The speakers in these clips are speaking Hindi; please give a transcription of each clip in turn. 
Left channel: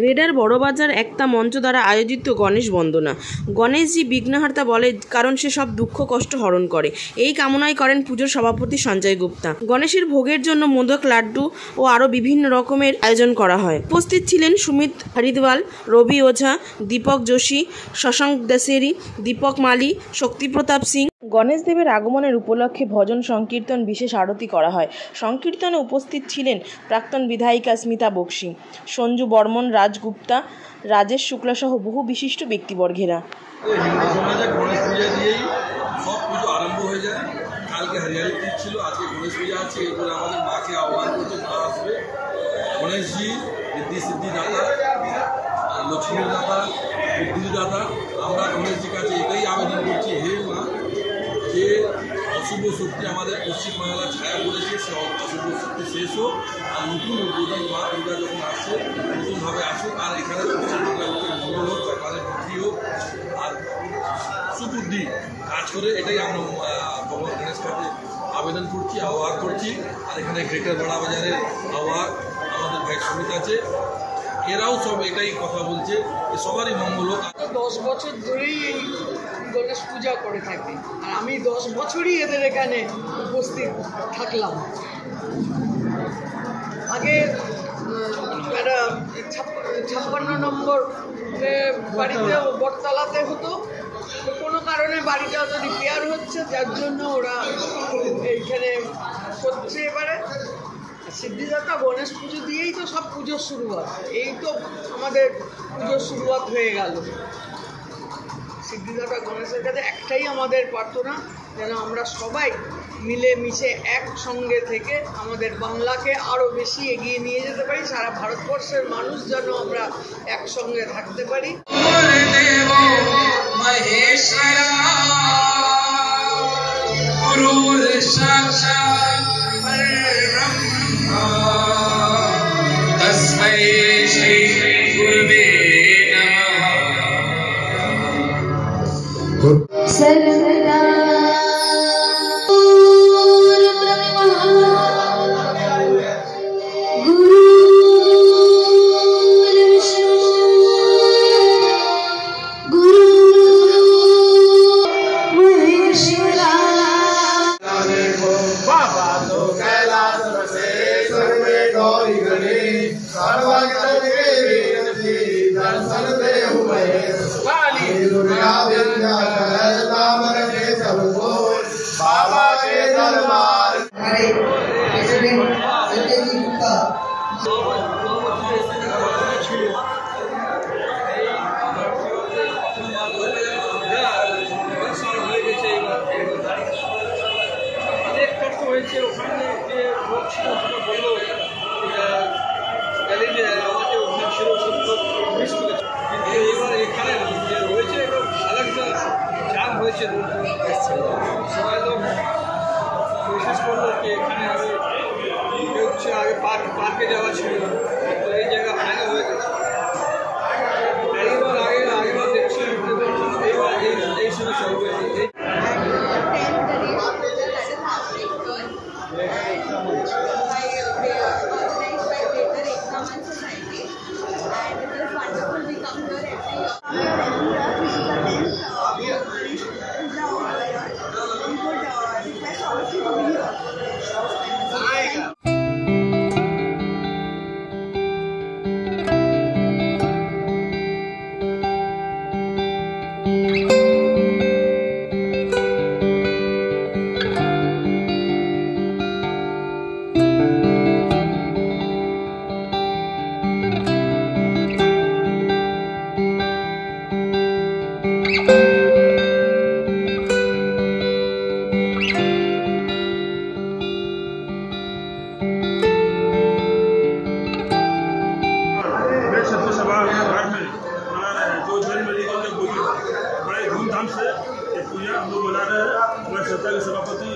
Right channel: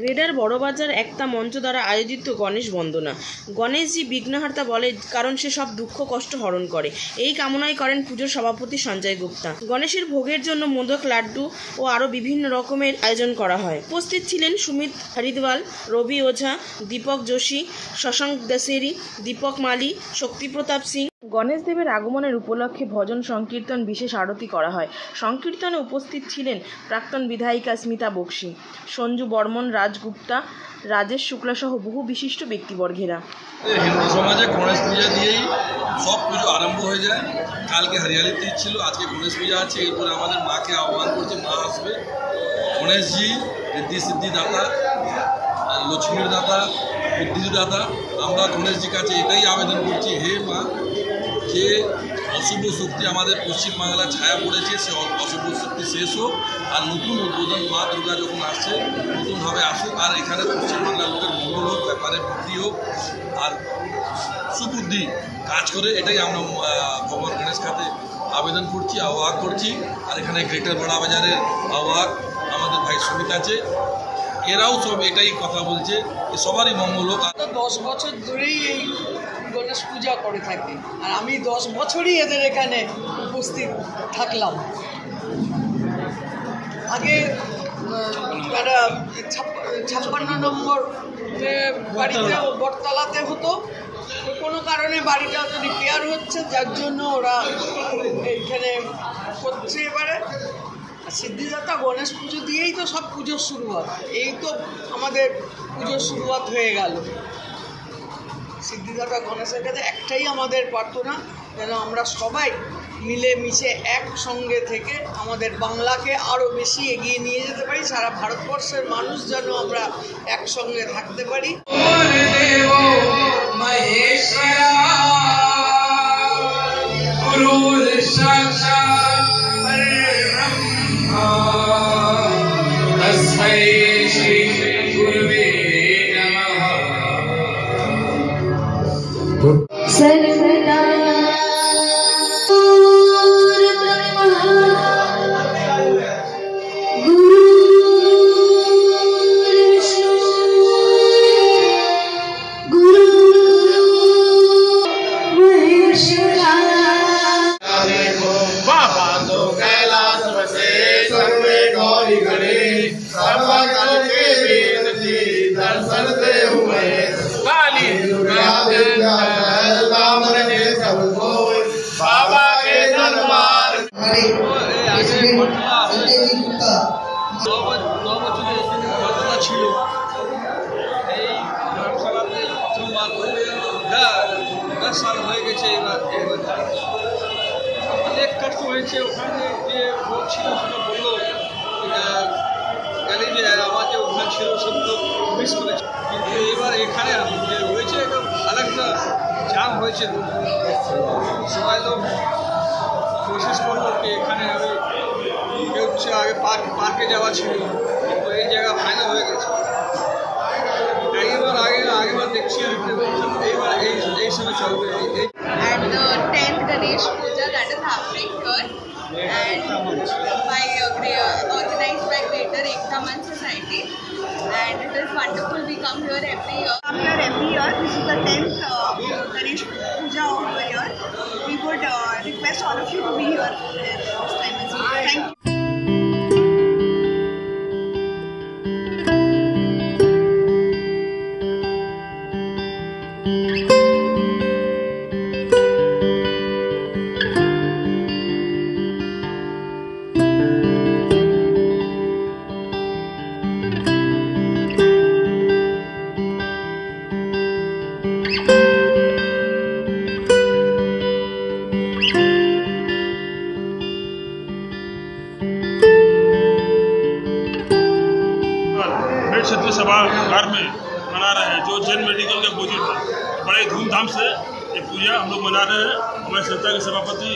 গ্রেডার বড়বাজার একটা মঞ্চ দ্বারা আয়োজিত গণেশ বন্দনা। গণেশজি বিঘ্নহার্তা বলে, কারণ সে সব দুঃখ কষ্ট হরণ করে। এই কামনাই করেন পুজোর সভাপতি সঞ্জয় গুপ্তা। গণেশের ভোগের জন্য মোদক, লাড্ডু ও আরও বিভিন্ন রকমের আয়োজন করা হয়। উপস্থিত ছিলেন সুমিত হরিদ্বাল, রবি ওঝা, দীপক যোশী, শশাঙ্ক দেশেরি, দীপক মালি, শক্তিপ্রতাপ সিং। গণেশ দেবের আগমনের উপলক্ষে ভজন সংকীর্তন, বিশেষ আরতি করা হয়। সংকীর্তনে উপস্থিত ছিলেন প্রাক্তন বিধায়িকা স্মিতা বক্সি, সঞ্জু বর্মন, রাজগুপ্তা, রাজেশ শুক্লা সহ বহু বিশিষ্ট ব্যক্তিবর্গেরা। হিন্দু সমাজে গণেশ পূজা দিয়েই সব পুজো আরম্ভ হয়ে যায়। কালকে হরিয়ালি তীজ ছিল, আজকে গণেশ পূজা আছে। এরপরে আমাদের মাকে আহ্বান করছে, মা আসবে। গণেশজি ঋদ্ধি সিদ্ধি দাতা, লক্ষ্মীর দাতা, বুদ্ধির দাতা। আমরা গণেশজির কাছে এটাই আবেদন করছি, হে মা, যে অশুভ শক্তি আমাদের পশ্চিমবাংলায় ছায়া পড়েছে, সে অশুভ শক্তি শেষ হোক। আর নতুন উদ্বোধন মা দুর্গা যখন আসছে, নতুনভাবে আসুক। আর এখানে পশ্চিমবাংলার লোকের মঙ্গল হোক, ব্যাপারে বুদ্ধি হোক, আর সুবুদ্ধি কাজ করে, এটাই আমরা ভগবান গণেশ কাছে আবেদন করছি, আহ্বান করছি। আর এখানে গ্রেটার বড়বাজারের আহ্বান আমাদের ভাই সুমিত আছে, এরাও সব এটাই কথা বলছে, সবারই মঙ্গল হোক। 10 বছর ধরেই এই গণেশ পূজা করে থাকি, আর আমি 10 বছরই এদের এখানে উপস্থিত থাকলাম। আগে একটা 56 নম্বর বাড়িতে বটতলাতে হতো, কোনো কারণে বাড়িটা হয়তো রিপেয়ার হচ্ছে, যার জন্য ওরা এইখানে করছে। এবারে সিদ্ধিদাতা গণেশ পুজো দিয়েই তো সব পুজোর শুরুয়াত, এই তো আমাদের পুজোর শুরুয়াত হয়ে গেল। সিদ্ধিদাতা গণেশের কাছে একটাই আমাদের প্রার্থনা, যেন আমরা সবাই মিলেমিশে একসঙ্গে থেকে আমাদের বাংলাকে আরও বেশি এগিয়ে নিয়ে যেতে পারি। সারা ভারতবর্ষের মানুষ যেন আমরা একসঙ্গে থাকতে পারি। অনেক কষ্ট হয়েছে। ওখানে যে লোক ছিল সেটা বললো, যে আমাকে ওখানে ছিল সব লোক মিস করেছে, কিন্তু এবার এখানে যে হয়েছে আরেকটা জাম হয়েছে। সবাই লোক বিশেষ করলো কি এখানে কেউ আগে পার্কে যাওয়া ছিল, তো এই জায়গা ফাইনাল হয়ে গেছে। এইবার আগেবার দেখছি এইবার এই সময় চলবে। At the 10th Ganesh Puja that is happening here, and organized by Greater Ekta Manch Society, and it is wonderful. We come here every year. This is the 10th Ganesh Puja of the year. We would request all of you to be here. Thank you. सभागार में मना रहे हैं, जो जैन मेडिकल के बुजुर्ग बड़े धूमधाम से ये पूजा हम लोग मना रहे हैं। हमारे संस्था के सभापति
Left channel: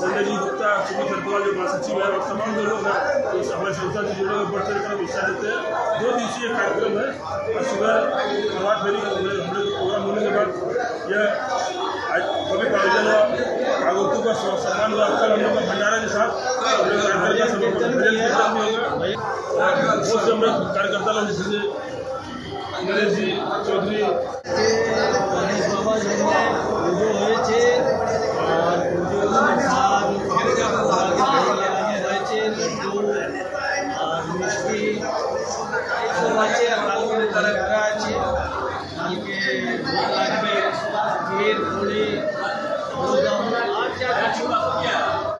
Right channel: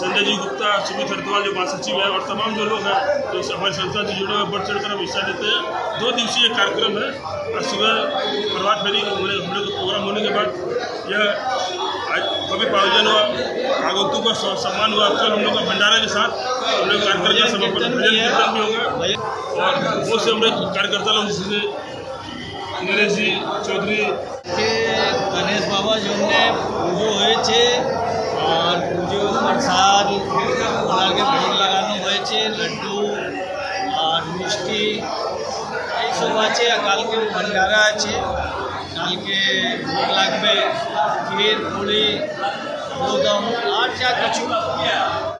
संजय जी गुप्ता, सुमित हरिद्वाल जो महासचिव है, और तमाम जो लोग हैं जो हमारे संस्था से जुड़े हुए बढ़ चढ़ कर हिस्सा लेते हैं। 2 दिवसीय कार्यक्रम है, और सुबह प्रभात फेरी हम लोग प्रोग्राम होने के बाद यह भव्य आयोजन हुआ। आगंतुक का सम्मान हुआ। कल हम लोग का भंडारा के साथ हम लोग कार्यकर्ता कीर्तन भी होगा और बहुत से हम लोग कार्यकर्ता लोग जिसमें नरेश जी चौधरी गणेश बाबा जो পুজো হয়েছে আর পুজো প্রসাদ ওনাকে ভোগ লাগানো হয়েছে, লড্ডু আর মিষ্টি এইসব আছে। কালকে ভান্ডারা আছে, কালকে ভোগ লাগবে ক্ষীর পুরি गोदाम और क्या कुछ।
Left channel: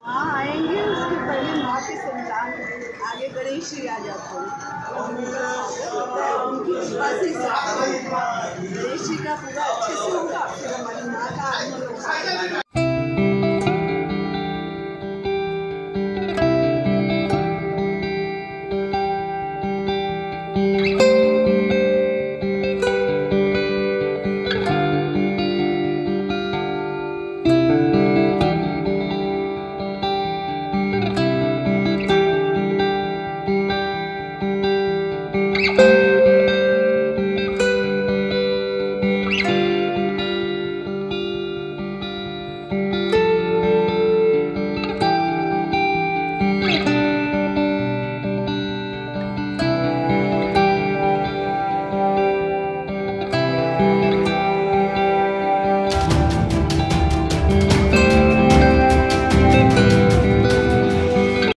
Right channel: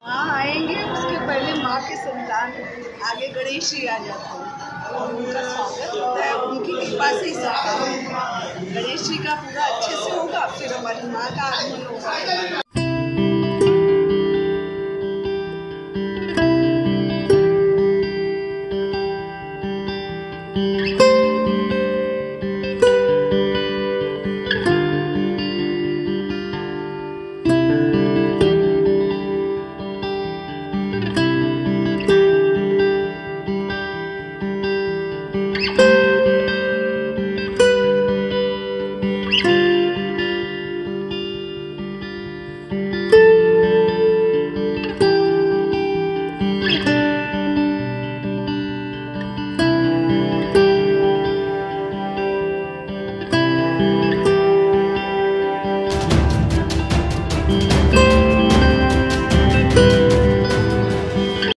हाँ आएंगे, उसके पहले माँ के संतान आगे गणेश जी आ जाते हैं, उनकी कृपा से गणेश जी का पूरा अच्छे से होगा। फिर हमारी